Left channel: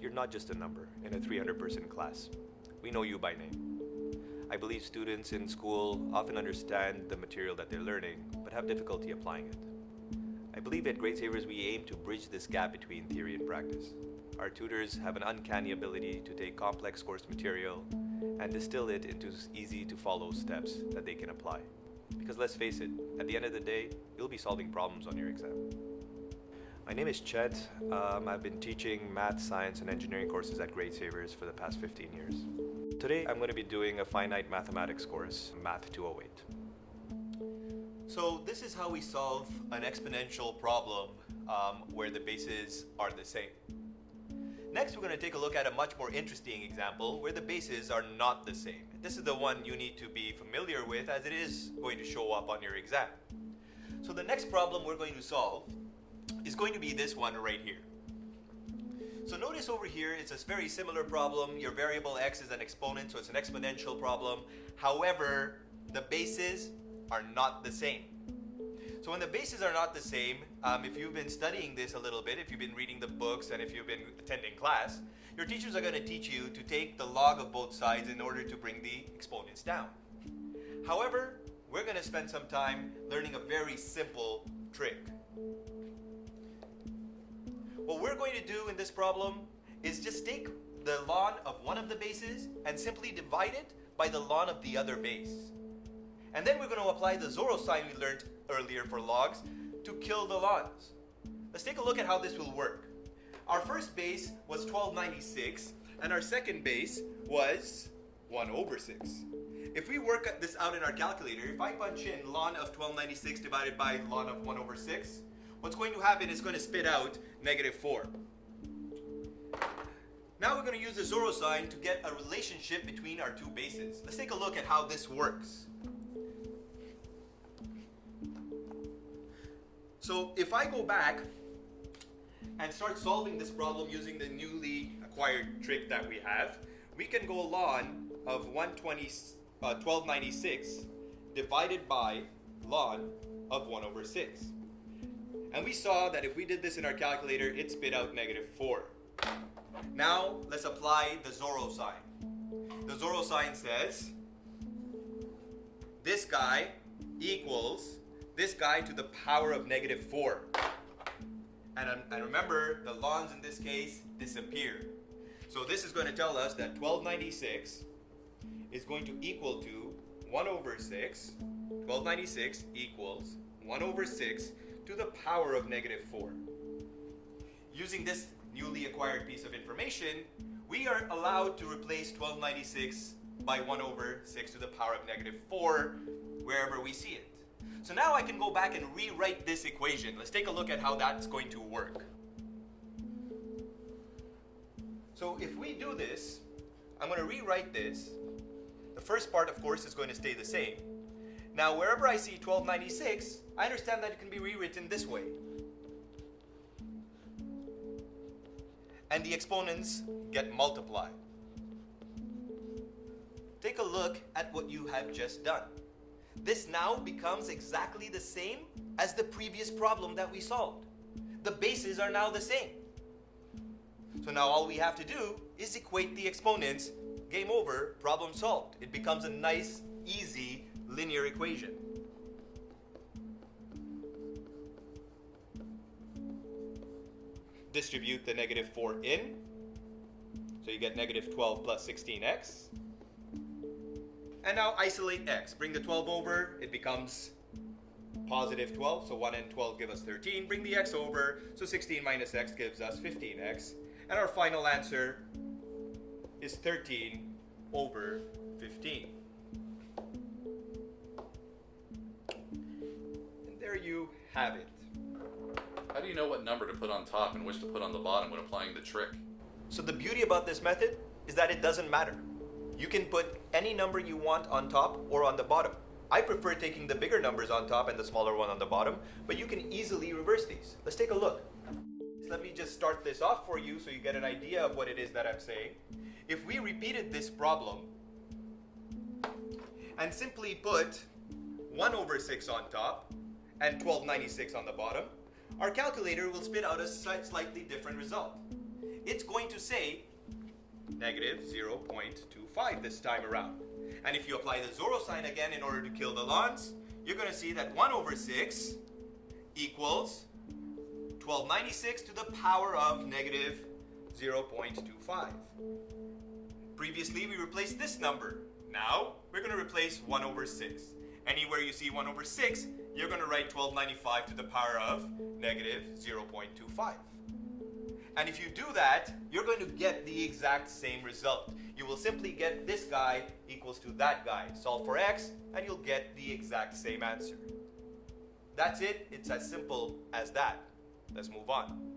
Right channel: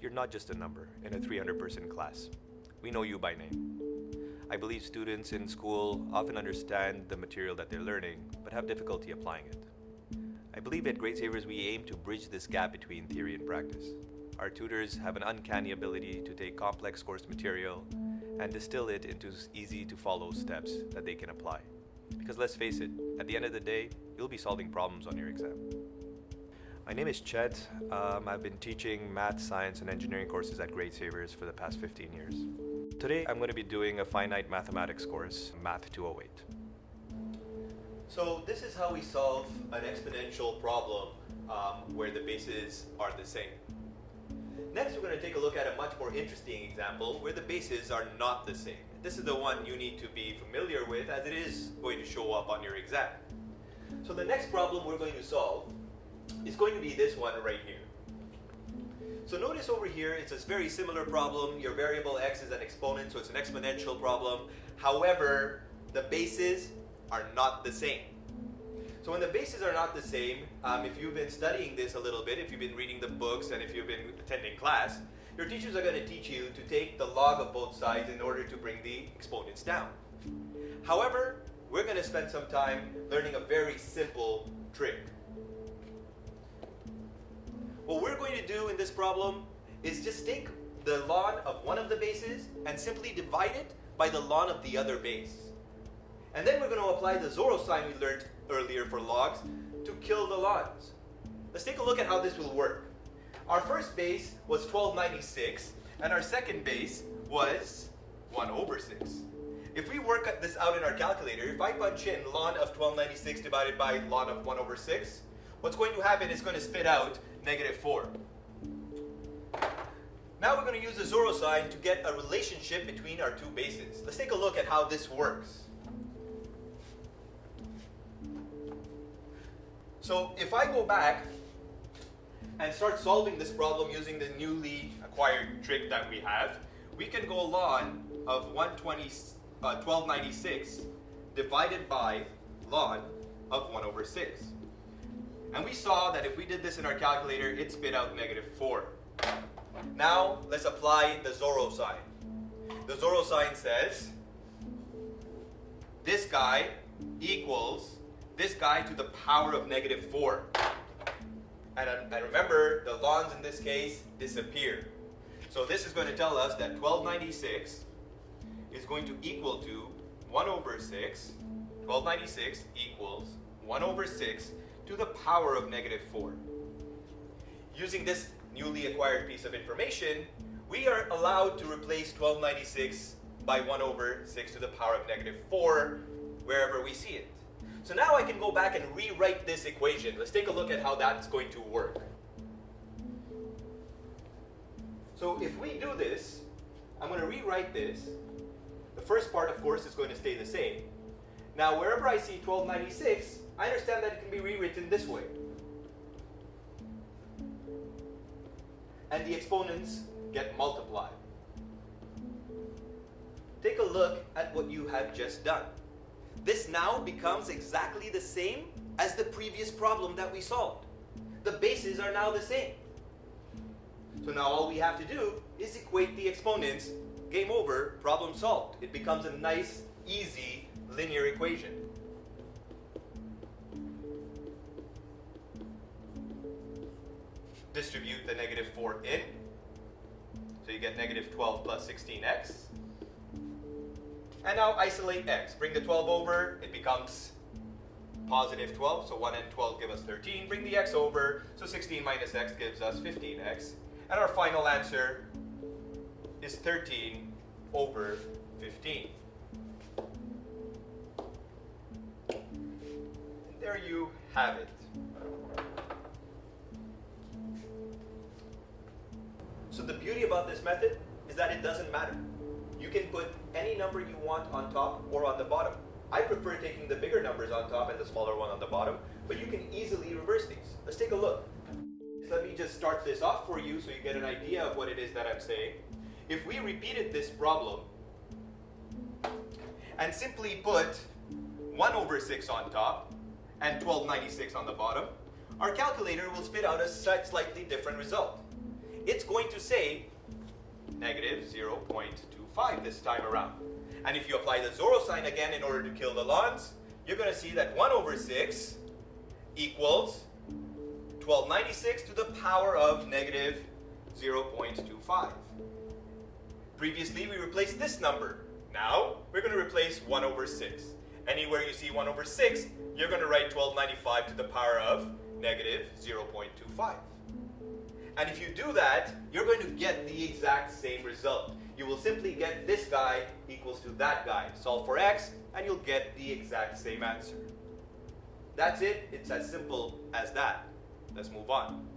You're not just a number in a 300-person class. We know you by name. I believe students in school often understand the material that they're learning, but have difficulty applying it. I believe at Gradesavers we aim to bridge this gap between theory and practice. Our tutors have an uncanny ability to take complex course material and distill it into easy-to-follow steps that they can apply. Because let's face it, at the end of the day, you'll be solving problems on your exam. My name is Chet. I've been teaching math, science, and engineering courses at Gradesavers for the past 15 years. Today, I'm going to be doing a finite mathematics course, Math 208. So this is how we solve an exponential problem where the bases are the same. Next, we're going to take a look at a much more interesting example where the bases are not the same. This is the one you need to be familiar with as it is going to show up on your exam. So the next problem we're going to solve is going to be this one right here. So notice over here, it's a very similar problem. Your variable x is an exponent, so it's an exponential problem. However, the bases are not the same. So when the bases are not the same, if you've been studying this a little bit, if you've been reading the books, and if you've been attending class, your teachers are going to teach you to take the log of both sides in order to bring the exponents down. However, we're going to spend some time learning a very simple trick. What we're going to do in this problem is just take the ln of one of the bases and simply divide it by the ln of the other base. And then we're going to apply the Zoro sign we learned earlier for logs to kill the lns. Let's take a look at how this will work. Our first base was 1296 and our second base was 1 over 6. If we work this out in our calculator, if I punch in ln of 1296 divided by ln of 1 over 6, what's going to happen is going to spit out -4. Now we're going to use the Zoro sign to get a relationship between our two bases. Let's take a look at how this works. So if I go back and start solving this problem using the newly acquired trick that we have, we can go ln of 1296 divided by ln of 1 over 6. And we saw that if we did this in our calculator, it spit out -4. Now, let's apply the Zoro sign. The Zoro sign says, this guy equals this guy to the power of -4. And remember, the lns in this case disappear. So this is going to tell us that 1296 is going to equal to 1 over 6. 1296 equals 1 over 6 to the power of -4. Using this newly acquired piece of information, we are allowed to replace 1296 by 1 over 6 to the power of -4 wherever we see it. So now I can go back and rewrite this equation. Let's take a look at how that's going to work. So if we do this, I'm going to rewrite this. The first part, of course, is going to stay the same. Now, wherever I see 1296, I understand that it can be rewritten this way. And the exponents get multiplied. Take a look at what you have just done. This now becomes exactly the same as the previous problem that we solved. The bases are now the same. So now all we have to do is equate the exponents. Game over, problem solved. It becomes a nice, easy, linear equation. Distribute the -4 in. So you get -12 plus 16x. And now isolate x. Bring the 12 over, it becomes +12. So 1 and 12 give us 13. Bring the x over, so 16 minus x gives us 15x. And our final answer is 13 over 15. And there you have it. How do you know what number to put on top and which to put on the bottom when applying the trick? So the beauty about this method is that it doesn't matter. You can put any number you want on top or on the bottom. I prefer taking the bigger numbers on top and the smaller one on the bottom, but you can easily reverse these. Let's take a look. Let me just start this off for you so you get an idea of what it is that I'm saying. If we repeated this problem and simply put 1 over 6 on top and 1296 on the bottom, our calculator will spit out a slightly different result. it's going to say negative 0.25 this time around. And if you apply the Zorro sign again in order to kill the lons, you're going to see that 1 over 6 equals 1296 to the power of negative 0.25. Previously, we replaced this number. Now, we're going to replace 1 over 6. Anywhere you see 1 over 6, you're going to write 1295 to the power of negative 0.25. And if you do that, you're going to get the exact same result. You will simply get this guy equals to that guy. Solve for x, and you'll get the exact same answer. That's it. It's as simple as that. Let's move on.